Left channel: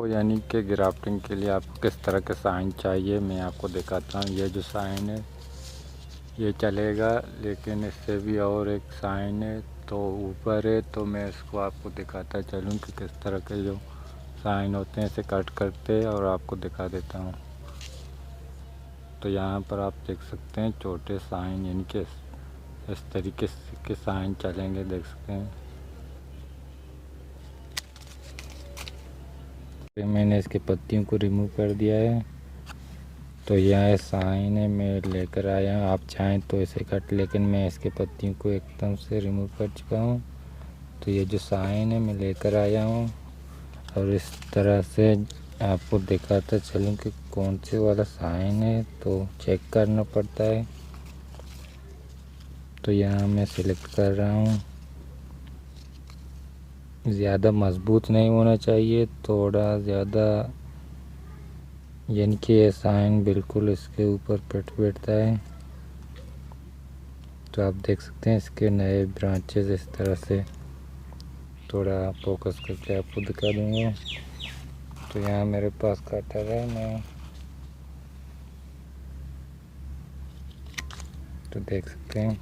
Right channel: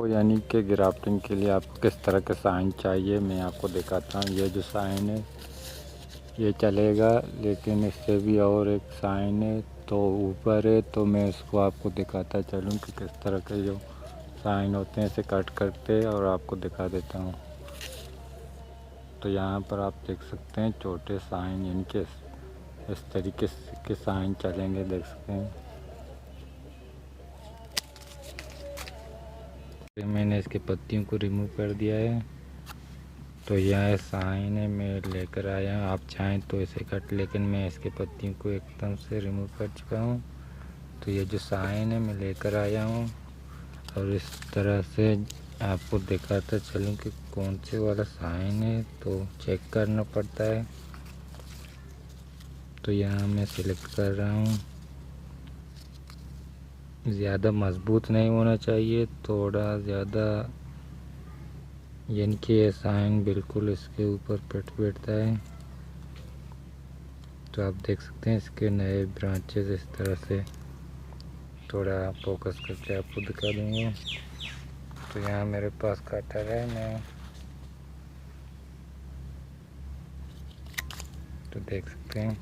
तो यानी कि ग्राफ्टिंग के लिए आपको किस तरह के साइन चाहिए मैं आपको दिखाता हूँ। ये जो साइन है ये चलेगा, लेकिन इससे भी और एक साइन है तो ऊपर है, तो मैं इसको आपको दिखाता चलूँ कि किस तरह के जो साइन होते हैं इसे कट करते और आपको दिखा देता हूँ। तो यहाँ पर आप देख सकते हैं छोटे साइन, यानी कि इस तरीके के साइन चलेंगे, देख सकते हैं। मैंने इसके पत्तियों को रिमूव कर दिया है। तो यह साइन है, मैं लेकर आया हूँ। आप चाहें तो इसे कट, लेकिन मैं इसके पत्तियों को एकदम से रिमूव कर चुका हूँ। तो ये जो साइन है मैं लेकर आया हूँ और इस तरह से आपको दिखाता चलूँ कि कौन से वाला साइन है, तो चेक करना पड़ता है। तो यहाँ मैं सिलेक्ट कर रहा हूँ। ज़्यादा मजबूत नहीं होना चाहिए, थोड़ा ज़्यादा, यानी कि ये साइन बिल्कुल इसके ऊपर फिट बैठता है। तो आप देख सकते हैं इसके नए ब्रांचेस इस तरह से, थोड़ा फोकस करके आपको दिखा दूँगा। तो यहाँ मेरे पास कटर है, मैं तो देख सकते हैं।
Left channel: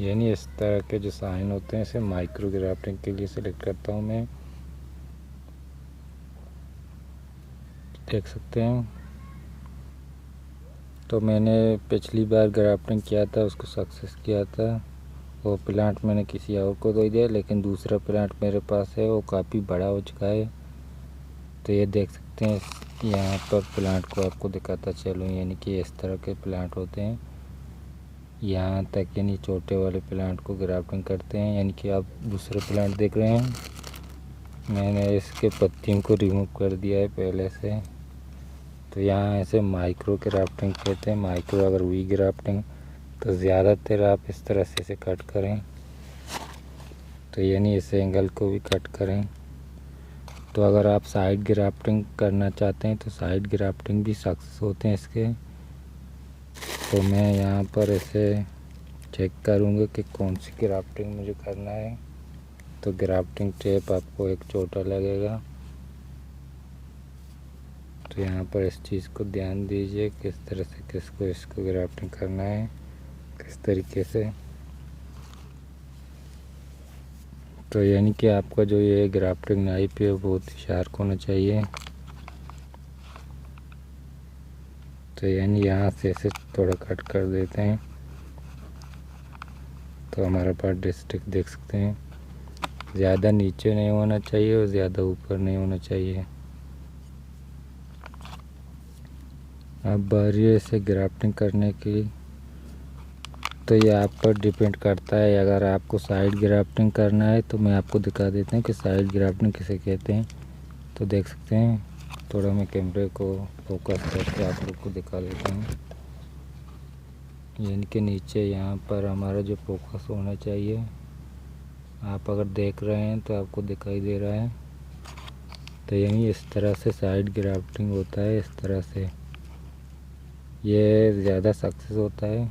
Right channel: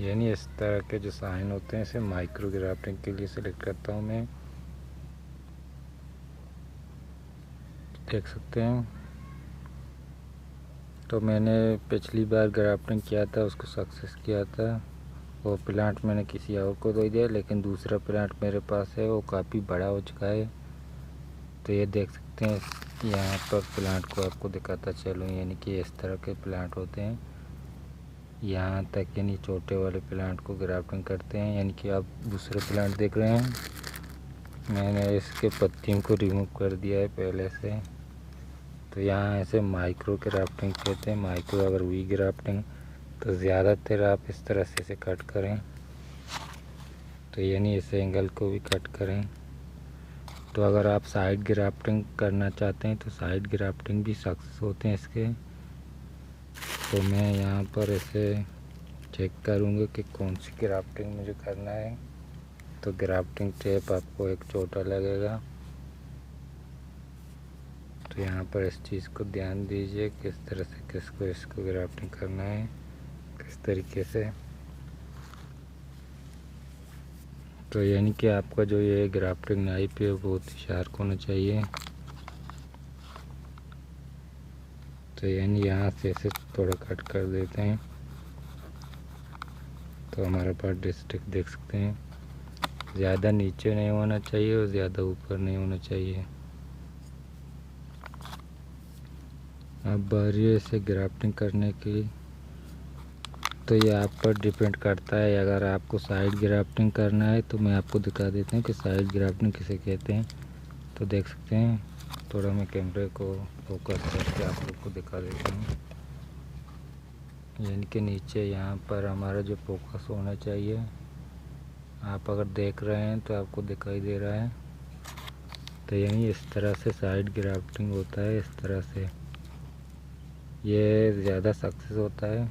यानी इस तरह के जो साइन होते हैं इसे माइक्रो ग्राफ्टिंग के लिए सिलेक्ट करता हूँ मैं, देख सकते हैं। तो मैंने पिछली बार ग्राफ्टिंग किया था, उसको सक्सेस किया था। वो प्लांट मैंने किसी और को दे दिया, लेकिन दूसरा प्लांट मेरे पास है, वो काफ़ी बड़ा हो चुका है। तो ये देख सकते हैं, यहाँ पर प्लांट को आपको दिखाता चलूँ, यानी कि इस तरह के प्लांट होते हैं। यहाँ तक यानी छोटे वाले प्लांट को ग्राफ्टिंग करते हैं। यानी कि आप दूसरे प्लांट देख रहे हैं, मैंने इसके पत्तियों को रिमूव कर दिया है पहले से। तो यहाँ ऐसे माइक्रो ग्राफ्टिंग कहते हैं। माइक्रो अगर वी ग्राफ्टिंग, तो ज़्यादातर आप इस तरह से इसे कट करें, तो यानी इस एंगल को भी कट करें। तो अगर आप साइड ग्राफ्टिंग करना चाहते हैं तो साइड ग्राफ्टिंग भी सक्सेस होते हैं इसके। तो मैं यहाँ पर इसे चेक करूँगा कि कौन सी ग्राफ्टिंग मुझे करना है। तो ग्राफ्टिंग टेप आपको एक छोटा लगेगा, तो यहाँ पर इस चीज़ को ध्यान दीजिए किस तरह से किसको इसको ग्राफ्टिंग करना है, किस तरीके से। तो यानी कि आपका जो ये ग्राफ्टिंग नाइफ है बहुत ही शार्प होना चाहिए। तो यानी यहाँ से इसे थोड़ा कट कर देते हैं। तो हमारे पास डिस्ट्रिक्ट देख सकते हैं, ज़्यादा नीचे नहीं होना चाहिए और ज़्यादा ऊपर नहीं होना चाहिए। अब बारी है इसे ग्राफ्टिंग करने की। तो ये आप पर डिपेंड करता है। अगर आपको साइड ग्राफ्टिंग करना है तो मैं आपको दिखा देता हूँ कि साइड ग्राफ्टिंग किसे कहते हैं। तो देख सकते हैं, थोड़ा मैं कैमरे को फोकस करके आप लोग को दिखा देता हूँ। यानी कि नीचे यहाँ पर हमारा जो फोकस होना चाहिए, आप अगर देख रहे हैं तो आपको दिखाई दे रहा है। तो यानी इस तरह से साइड ग्राफ्टिंग होता है, इस तरह से ये ज़्यादा सक्सेस होता है।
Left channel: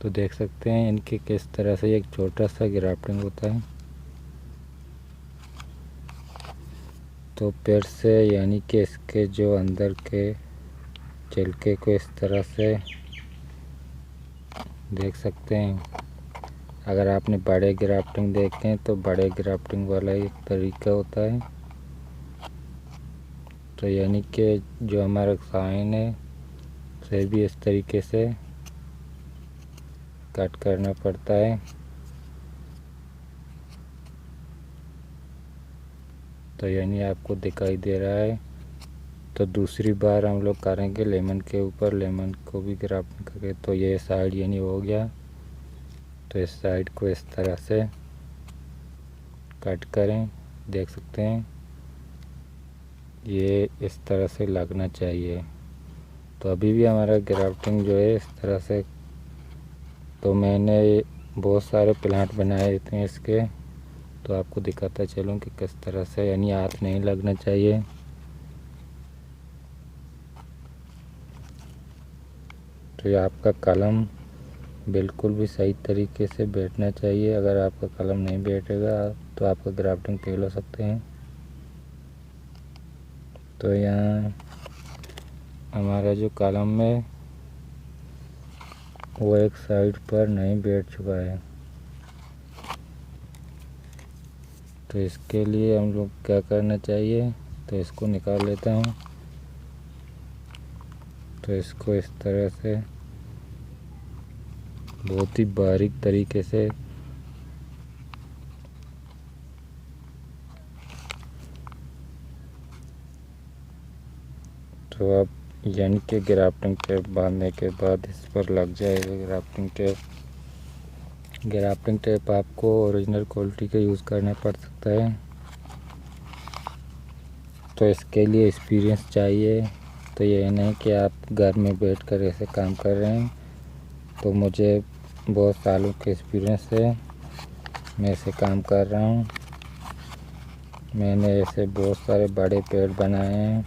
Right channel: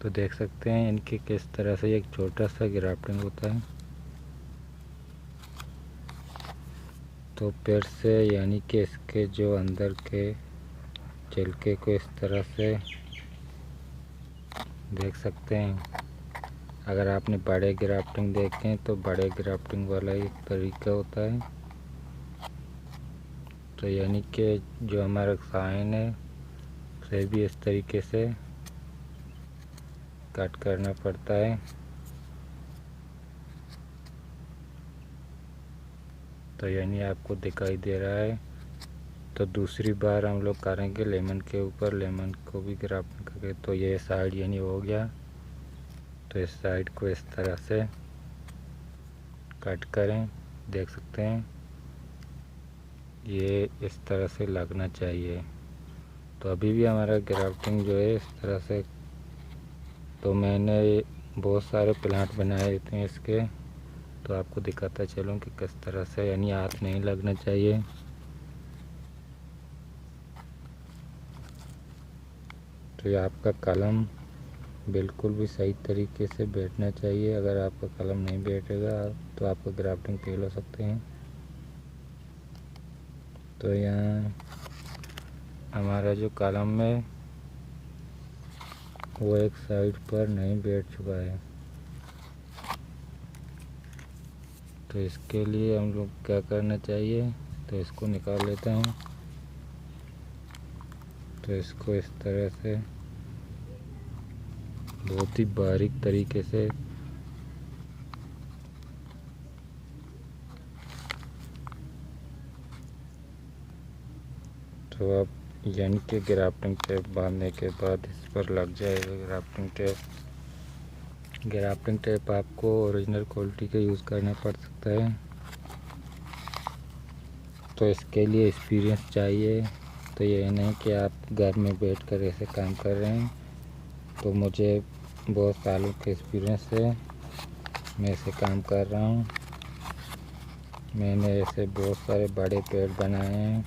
तो देख सकते हैं इनके किस तरह से एक छोटा सा ग्राफ्टिंग होता है। तो फिर से यानी कि इसके जो अंदर के छिलके को इस तरह से देख सकते हैं। अगर आपने बड़े ग्राफ्टिंग देखे हैं तो बड़े ग्राफ्टिंग वाला ही तरीका होता है। तो यानी कि जो हमारा साइन है उसे भी इस तरीके से कट करना पड़ता है। तो यानी आपको दिखाई दे रहा है। तो दूसरी बार हम लोग करेंगे लेमन के ऊपर, लेमन को भी ग्राफ्टिंग करके। तो ये साइड यानी हो गया। तो इस साइड को इस तरह से कट करें, देख सकते हैं ये इस तरह से लगना चाहिए। तो अभी भी हमारा ग्राफ्टिंग जो है इस तरह से। तो मैंने बहुत सारे प्लांट बनाए थे इसके, तो आपको दिखाता चलूँ कि किस तरह से, यानी हाथ नहीं लगना चाहिए। तो ये आपका कलम बिल्कुल भी सही तरीके से बैठना चाहिए। अगर आपका कलम नहीं बैठेगा तो आपका ग्राफ्टिंग फेल हो सकते हैं। तो यहाँ हमारा जो कलम है वो एक साइड पर नहीं बैठ चुका है। तो इसके लिए हम लोग क्या करना चाहिए, तो इसको निकाल लेता हूँ। तो इसको इस तरह से बहुत ही बारीक तरीके से तो अब यानी कि ग्राफ्टिंग टेप बांधने के बाद इस पर लग जाएगा ग्राफ्टिंग टेप। ग्राफ्टिंग टेप आपको ओरिजिनल क्वालिटी का यूज़ करना पड़ सकता है। तो इसके लिए एक्सपीरियंस चाहिए। तो ये नहीं कि आप घर में बैठकर ऐसे काम कर रहे हैं। तो मुझे बहुत सालों का एक्सपीरियंस है, मैं ऐसे काम कर रहा हूँ। मैंने ऐसे बहुत सारे बड़े पेड़ बनाए हैं।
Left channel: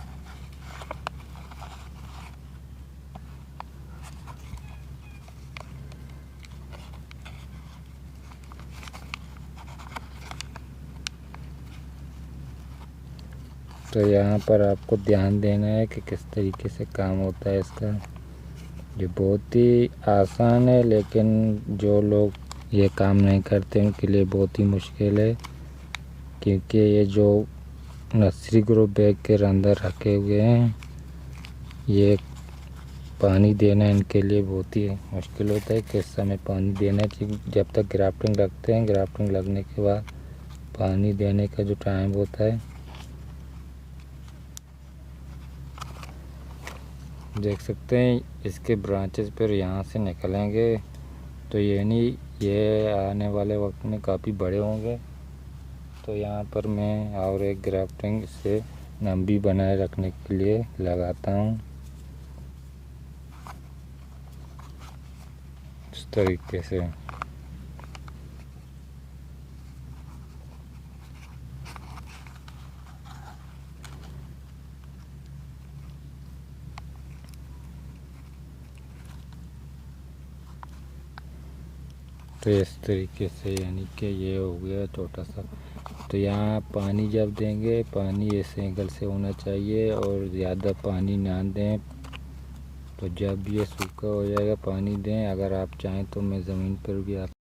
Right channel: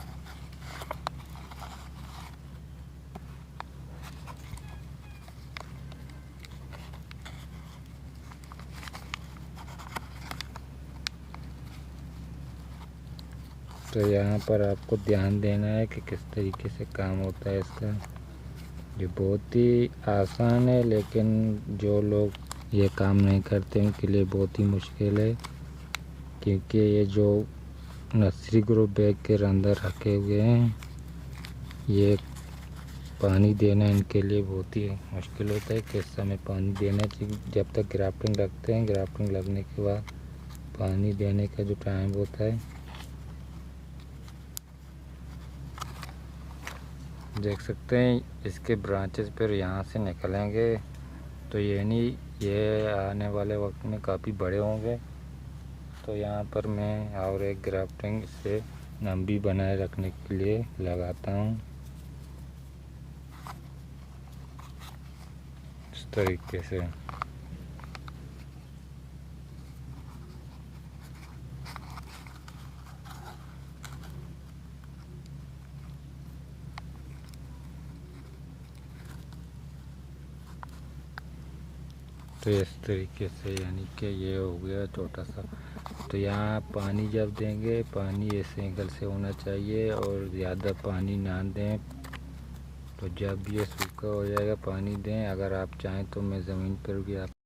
तो यहाँ पर आपको ध्यान देना है कि किस तरीके से काम होता है इसका। ये बहुत ही आसान है, लेकिन जो लोग ये काम नहीं करते उनके लिए बहुत ही मुश्किल है, क्योंकि ये जो नर्सरी ग्रो बैग के अंदर रखे हुए हैं, ये पानी देना इनके लिए बहुत ही मुश्किल होता है। किस समय पानी देना चाहिए, जब तक ग्राफ्टिंग लगते हैं, ग्राफ्टिंग लगने के बाद पानी देने का जो टाइम होता है, देख सकते हैं इसके ब्रांचेस फिर यहाँ से निकलेंगे। तो ये नहीं, ये आने वाले वक्त में काफ़ी बड़े होंगे। तो यहाँ पर मैं और एक ग्राफ्टिंग से लंबी बनाए रखने के लिए लगाता हूँ इस तरीके से। तो इस तरीके से यानी कि ये हो गया छोटा सा। तो यहाँ पानी जब देंगे, पानी इस एंगल से होना चाहिए और ज़्यादा पानी ना दें। तो जब ये सूखा हो जाएगा पानी दें। अगर आप चाहें तो मैं ज़मीन पर भी आप